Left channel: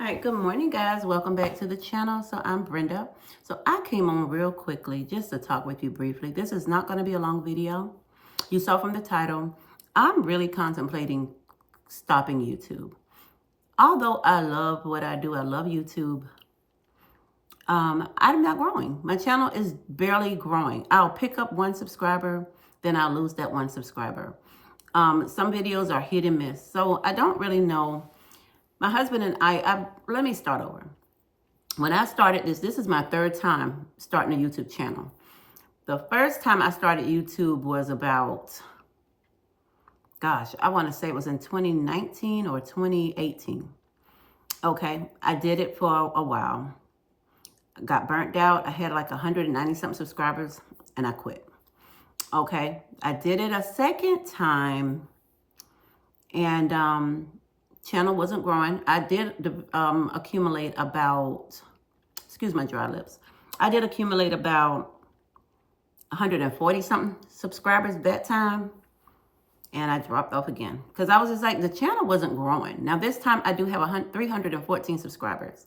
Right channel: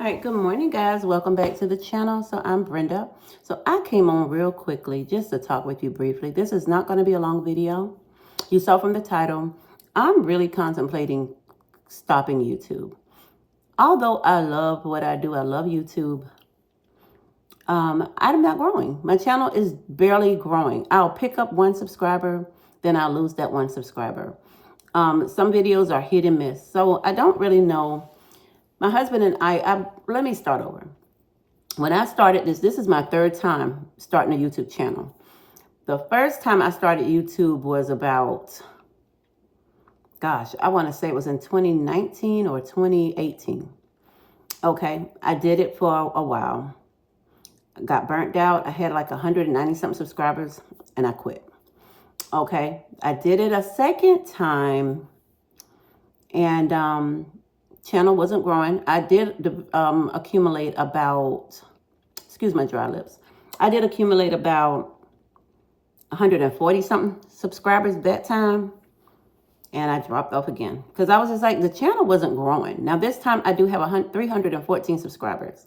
All right, good morning, guys. Welcome back to the channel. So I'm Brenda. So I came on real quickly just to talk with you briefly. This is not going to be a long video. You saw from the title, I'm really contemplating stopping YouTube. Although I love what I do, I love YouTube. I'm not growing. My channel is barely growing. I'll pick up one subscriber, then I'll lose that one subscriber. Some videos are hit and miss. So I don't really know. My husband and let me start over. When I started this is my third time starting a YouTube channel. The first time I started YouTube was about, gosh, I want to say it was in 2019 or 2018. Okay, I did it for a while. I got burnt out. I had like 190 something subscribers and I quit. Okay, I did it a second time and channel wasn't growing. I did accumulate about, excuse my dry lips. I did accumulate about 140 something subscribers that time. And I dropped off again because I was just like, the channel wasn't growing. Now this time I do have 314 subscribers.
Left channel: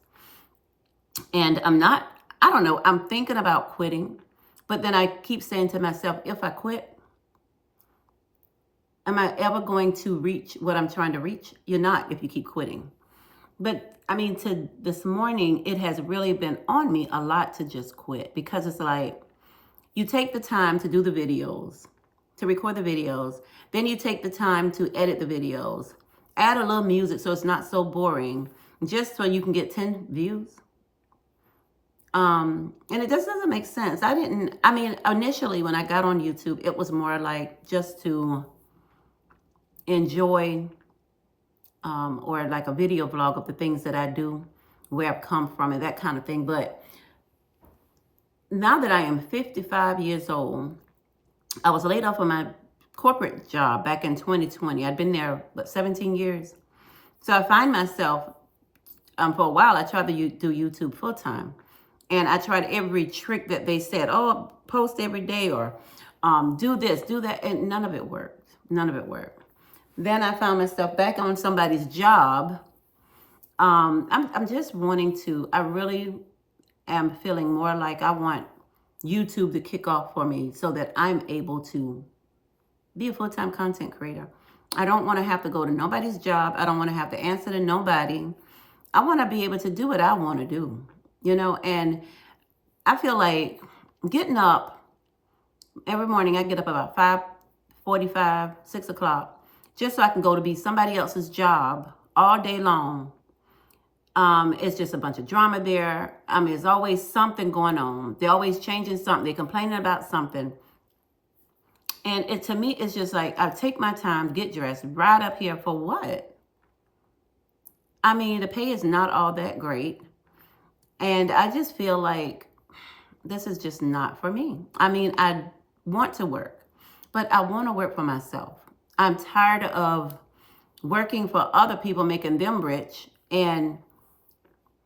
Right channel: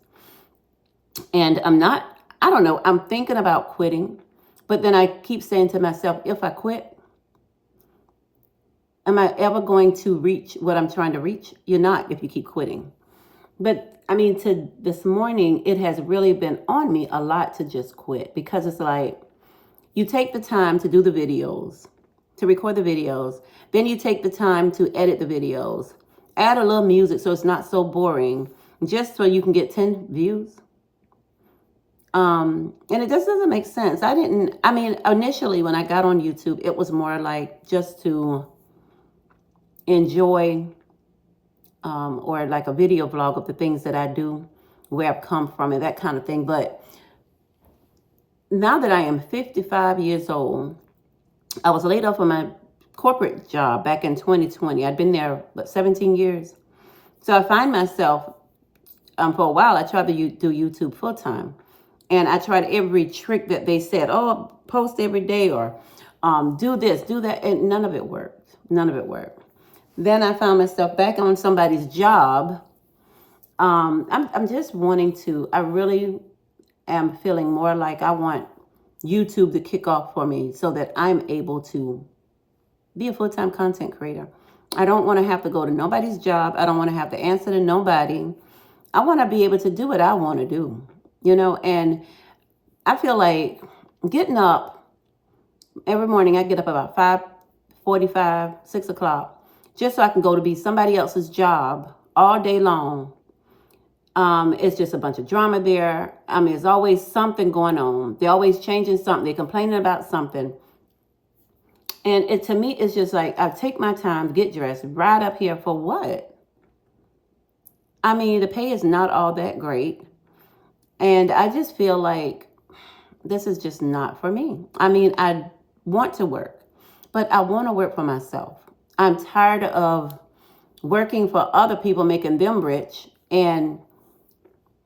And I don't know, I'm thinking about quitting. But then I keep saying to myself, if I quit, am I ever going to reach what I'm trying to reach? You're not if you keep quitting. But I mean, to this morning, it has really been on me a lot to just quit because it's like you take the time to do the videos, to record the videos. Then you take the time to edit the videos, add a little music so it's not so boring, just so you can get 10 views. And it just doesn't make sense. Initially when I got on YouTube, it was more like just to enjoy or like a video vlog of the things that I do, where I've come from and that kind of thing. But now that I am 55 years old, I was laid off from my corporate job back in 2020. I'd been there, 17 years. So I find myself, for a while, I tried to do YouTube full time. And I tried every trick that they said, oh, post every day or do this, do that. And none of it worked. None of it worked. Then I found myself back on somebody's job. I'm just wanting to, I really am feeling more like I want YouTube to kick off for me so that I'm able to be a full-time content creator. I don't want to have to go to nobody's job. I don't want to have to answer to nobody. I want to be able to do what I want to do, and I feel like getting up every morning. I get up about 5:45, 6 o'clock, just so I can go to be somebody else's job all day long. It's just a bunch of drama there. There's always something going on. They're always changing something. They're complaining about something. And to me, it's just like, I take my time to get dressed, ride up here for what? The pay is not all that great. And I just feel like this is just not for me. I want to work, but I want to work for myself. I'm tired of working for other people, making them rich. And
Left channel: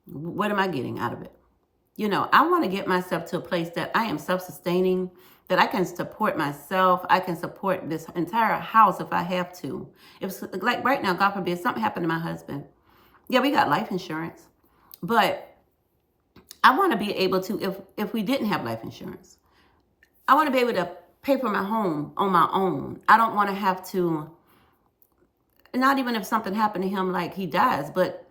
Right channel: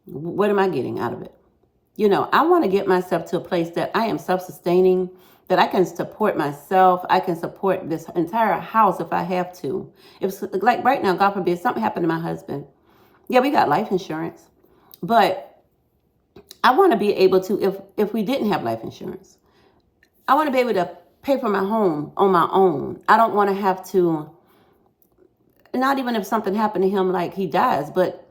what am I getting out of it? I want to get myself to a place that I am self-sustaining, that I can support myself. I can support this entire house if I have to. If, like right now, God forbid, something happened to my husband. Yeah, we got life insurance, but I want to be able to, if we didn't have life insurance, I want to be able to pay for my home on my own. I don't want to have to, not even if something happened to him, like he dies, but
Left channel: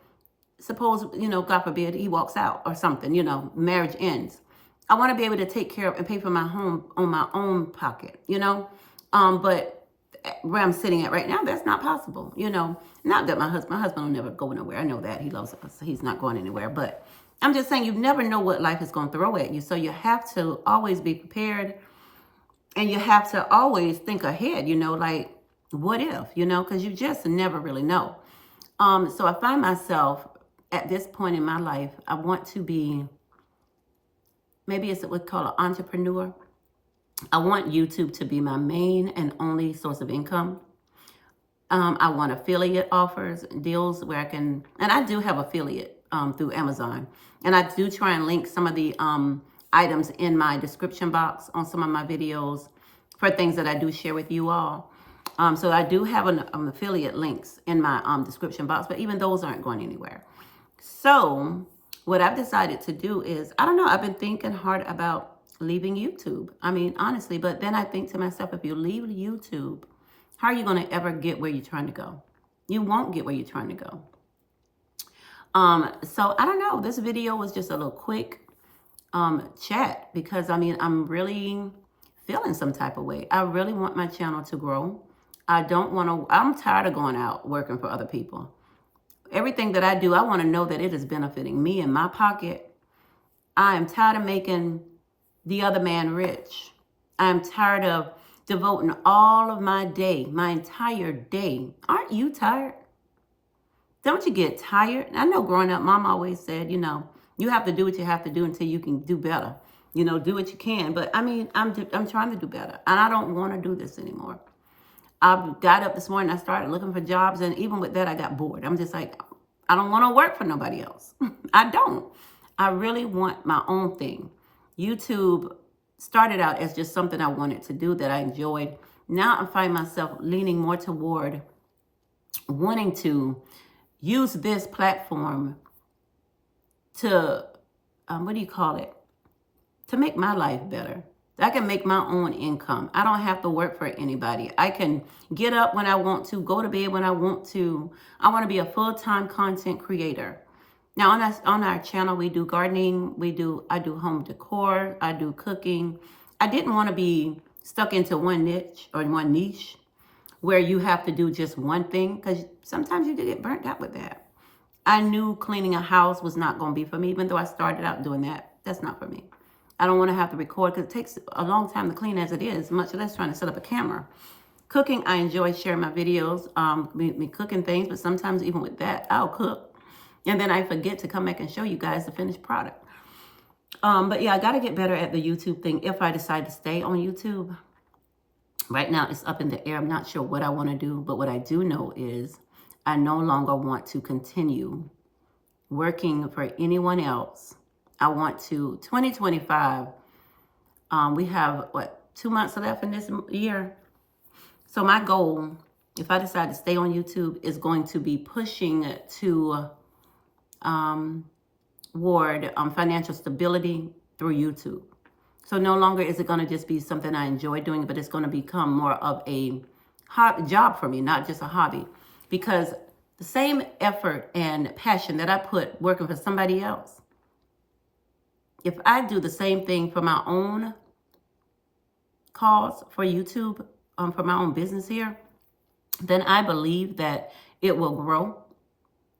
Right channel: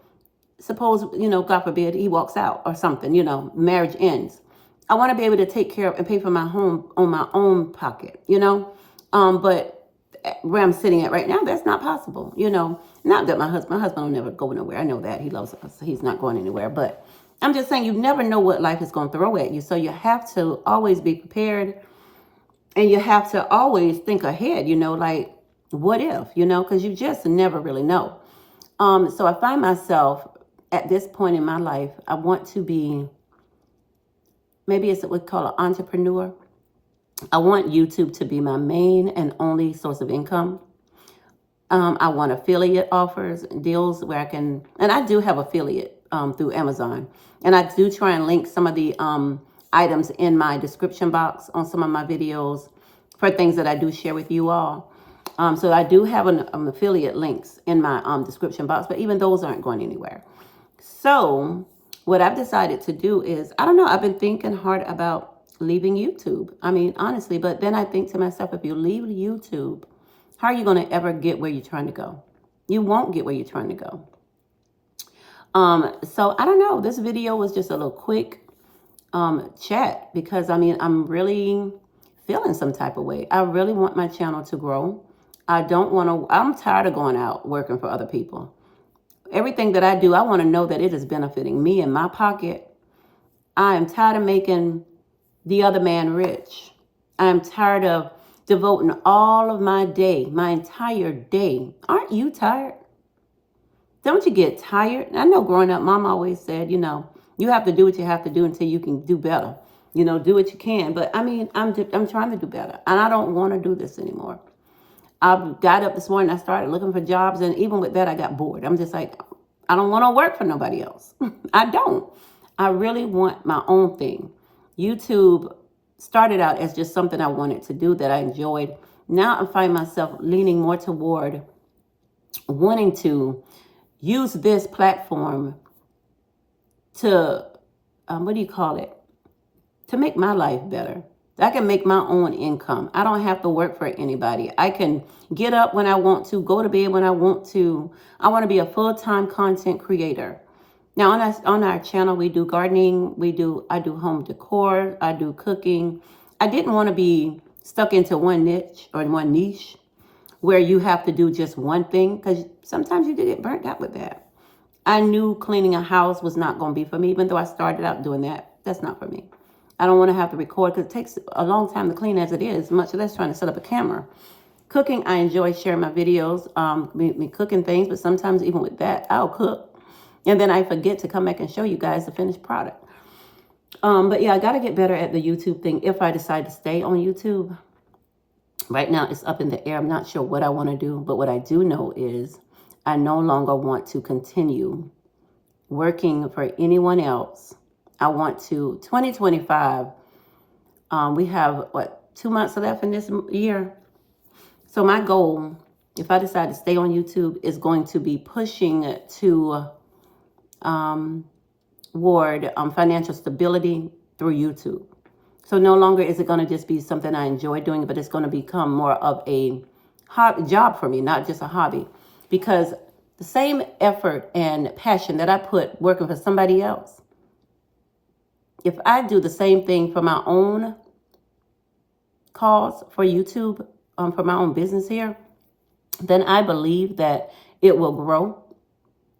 suppose, God forbid, he walks out or something, marriage ends. I want to be able to take care of and pay for my home on my own pocket, but where I'm sitting at right now, that's not possible, not that my husband will never go nowhere. I know that he loves us. He's not going anywhere, but I'm just saying you never know what life is going to throw at you. So you have to always be prepared, and you have to always think ahead, like what if, because you just never really know. So I find myself at this point in my life, I want to be, maybe it's what we call an entrepreneur. I want YouTube to be my main and only source of income. I want affiliate offers, deals where I can, and I do have affiliate through Amazon. And I do try and link some of the items in my description box on some of my videos for things that I do share with you all. So I do have an affiliate links in my description box, but even those aren't going anywhere. So what I've decided to do is, I don't know, I've been thinking hard about leaving YouTube. I mean, honestly, but then I think to myself, if you leave YouTube, how are you going to ever get where you're trying to go? You won't get where you're trying to go. So I don't know. This video was just a little quick chat because I mean, I'm really feeling some type of way. I really want my channel to grow. I don't want to, I'm tired of going out working for other people. Everything that I do, I want to know that it is benefiting me in my pocket. I am tired of making the other man rich. I'm tired of devoting all of my day, my entire day. Aren't you tired? Don't you get tired? I know growing up, Mom always said, you know, you have to do what you have to do until you can do better. You know, do what you can. But I mean, I'm trying to do better. And I don't want to do this anymore. I got up this morning, I started looking for jobs. And even with that, I got bored. I'm just like, I don't want to work for nobody else. I don't. I really want my own thing. YouTube started out as just something I wanted to do that I enjoyed. Now I find myself leaning more toward wanting to use this platform to, what do you call it? To make my life better. I can make my own income. I don't have to work for anybody. I can get up when I want to, go to bed when I want to. I want to be a full-time content creator. Now on our channel, we do gardening. I do home decor. I do cooking. I didn't want to be stuck into one niche or one niche where you have to do just one thing, because sometimes you do get burnt out with that. I knew cleaning a house was not going to be for me, even though I started out doing that. That's not for me. I don't want to have to record because it takes a long time to clean as it is, much less trying to set up a camera. Cooking, I enjoy sharing my videos, me cooking things, but sometimes even with that, I'll cook. And then I forget to come back and show you guys the finished product. But yeah, I got to get better at the YouTube thing if I decide to stay on YouTube. Right now, it's up in the air. I'm not sure what I want to do, but what I do know is I no longer want to continue working for anyone else. I want to, 2025, we have, 2 months left in this year. So my goal, if I decide to stay on YouTube, is going to be pushing to toward financial stability through YouTube. So no longer is it going to just be something I enjoy doing, but it's going to become more of a job for me, not just a hobby. Because the same effort and passion that I put working for somebody else, if I do the same thing for my own cause, for YouTube, for my own business here, then I believe that it will grow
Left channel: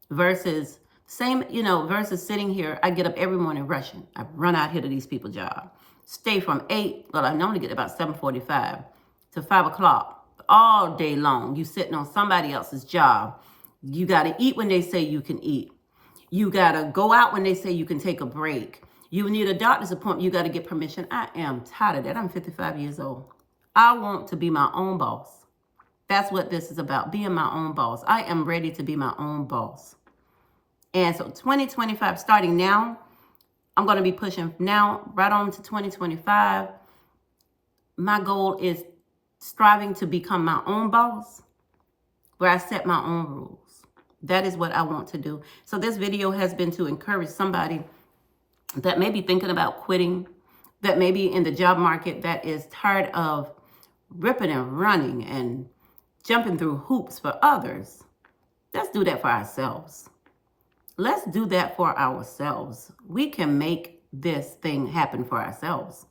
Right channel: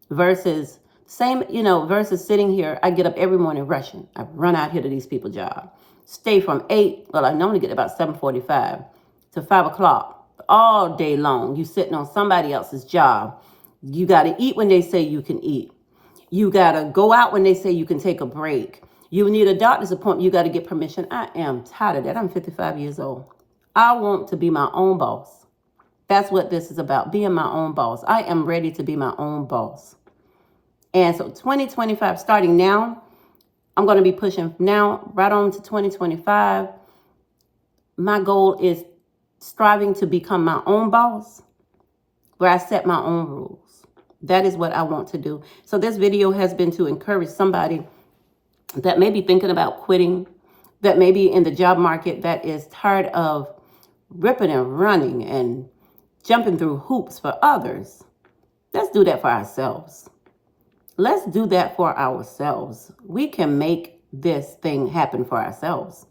versus versus sitting here. I get up every morning rushing. I run out here to these people's job. Stay from 8, well, I normally get about 7:45 to 5 o'clock all day long. You sitting on somebody else's job. You got to eat when they say you can eat. You got to go out when they say you can take a break. You need a doctor's appointment. You got to get permission. I am tired of that. I'm 55 years old. I want to be my own boss. That's what this is about, being my own boss. I am ready to be my own boss. And so 2025, starting now, I'm going to be pushing now right on to 2025. My goal is striving to become my own boss, where I set my own rules. That is what I want to do. So this video has been to encourage somebody that may be thinking about quitting, that may be in the job market, that is tired of ripping and running and jumping through hoops for others. Let's do that for ourselves. Let's do that for ourselves. We can make this thing happen for ourselves.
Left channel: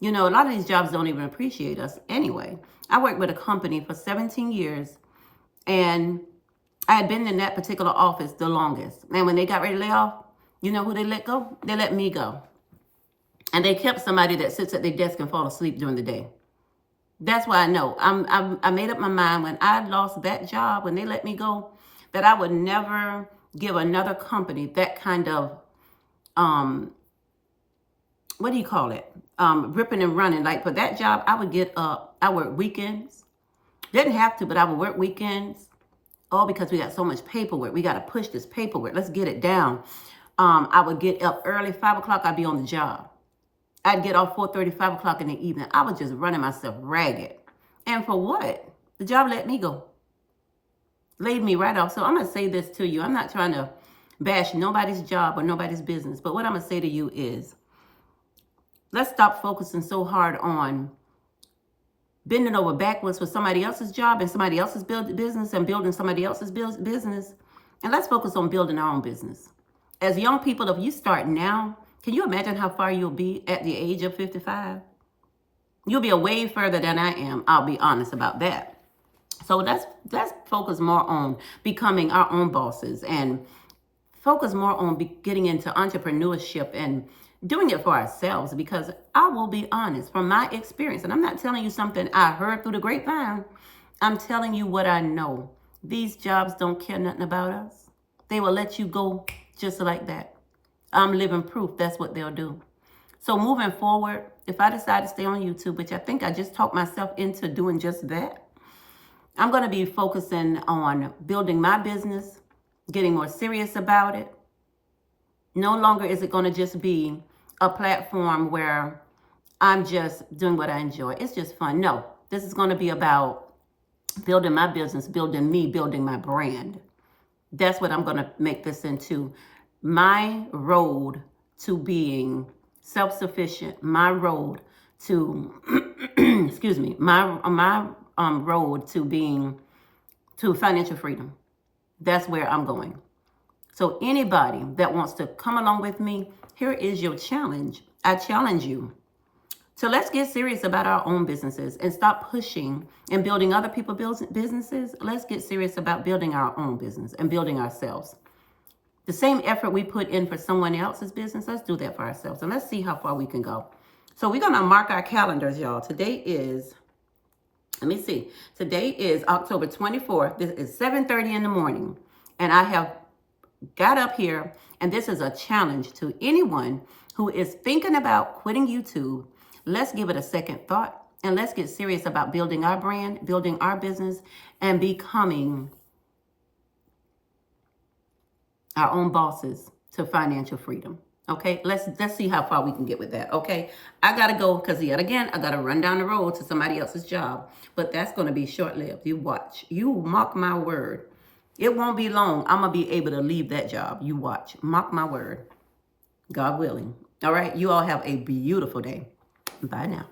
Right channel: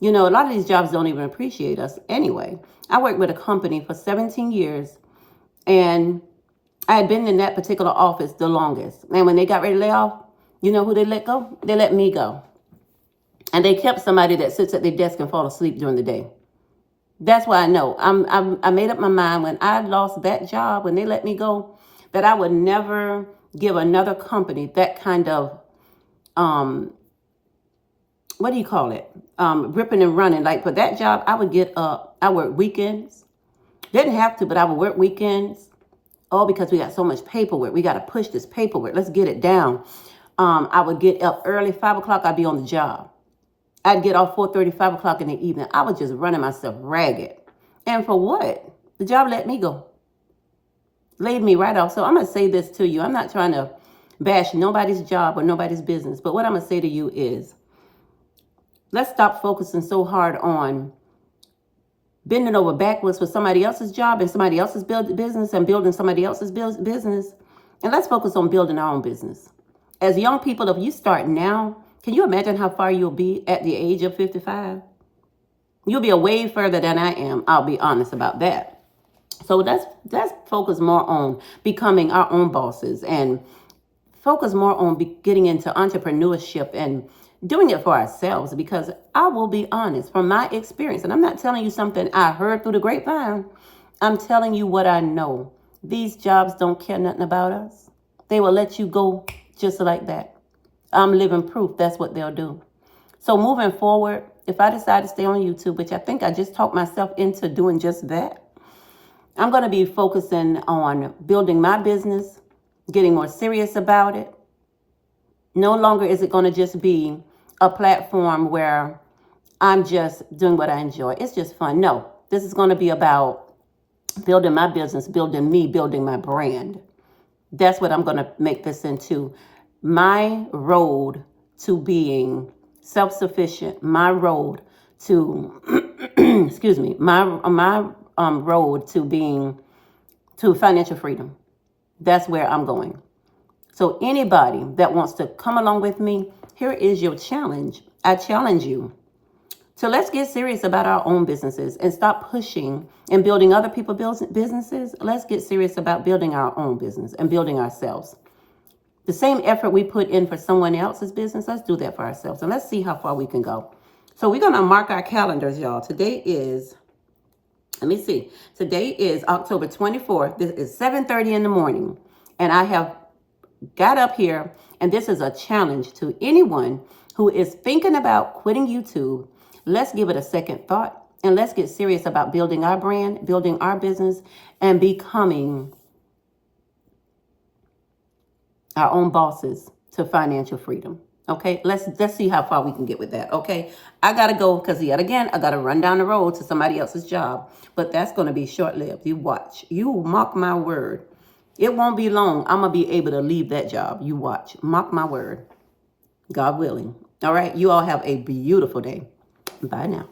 You know, a lot of these jobs don't even appreciate us anyway. I worked with a company for 17 years, and I had been in that particular office the longest. And when they got ready to lay off, you know who they let go? They let me go. And they kept somebody that sits at their desk and fall asleep during the day. That's why I know. I made up my mind when I lost that job, when they let me go, that I would never give another company that kind of, what do you call it? Ripping and running. Like for that job, I would get up. I work weekends. Didn't have to, but I would work weekends. Oh, because we got so much paperwork. We got to push this paperwork. Let's get it down. I would get up early, 5 o'clock, I'd be on the job. I'd get off 4:30, 5 o'clock in the evening. I was just running myself ragged. And for what? The job let me go. Laid me right off. So I'm going to say this to you. I'm not trying to bash nobody's job or nobody's business. But what I'm going to say to you is, let's stop focusing so hard on bending over backwards for somebody else's job and somebody else's business and building somebody else's business. And let's focus on building our own business. As young people, if you start now, can you imagine how far you'll be at the age of 55? You'll be way further than I am. I'll be honest about that. So let's focus more on becoming our own bosses and focus more on getting into entrepreneurship and doing it for ourselves, because I will be honest, from my experience, and I'm not telling you something I heard through the grapevine, I'm telling you what I know. These jobs don't care nothing about us. They will let you go just like that. I'm living proof that's what they'll do. So moving forward, if I decide to stay on YouTube, which I think I just talked myself into doing just that, I'm going to be focusing on building my business, getting more serious about it. No longer is it going to just be a platform where I'm just doing what I enjoy. It's just fun. No, this is going to be about building my business, building me, building my brand. That's what I'm going to make this into. My road to being self-sufficient, my road to, excuse me, my road to financial freedom. That's where I'm going. So anybody that wants to come along with me, here is your challenge. I challenge you. So let's get serious about our own businesses and stop pushing and building other people's businesses. Let's get serious about building our own business and building ourselves. The same effort we put in for someone else's business, let's do that for ourselves. And let's see how far we can go. So we're going to mark our calendars, y'all. Today is, let me see. Today is October 24th. This is 7:30 in the morning. And I have got up here, and this is a challenge to anyone who is thinking about quitting YouTube. Let's give it a second thought, and let's get serious about building our brand, building our business, and becoming our own bosses to financial freedom. Okay, let's see how far we can get with that. Okay, I gotta go because yet again I gotta run down the road to somebody else's job, but that's gonna be short-lived. You watch, you mark my word. It won't be long. I'm going to be able to leave that job. You watch. Mark my word. God willing. All right. You all have a beautiful day. Bye now.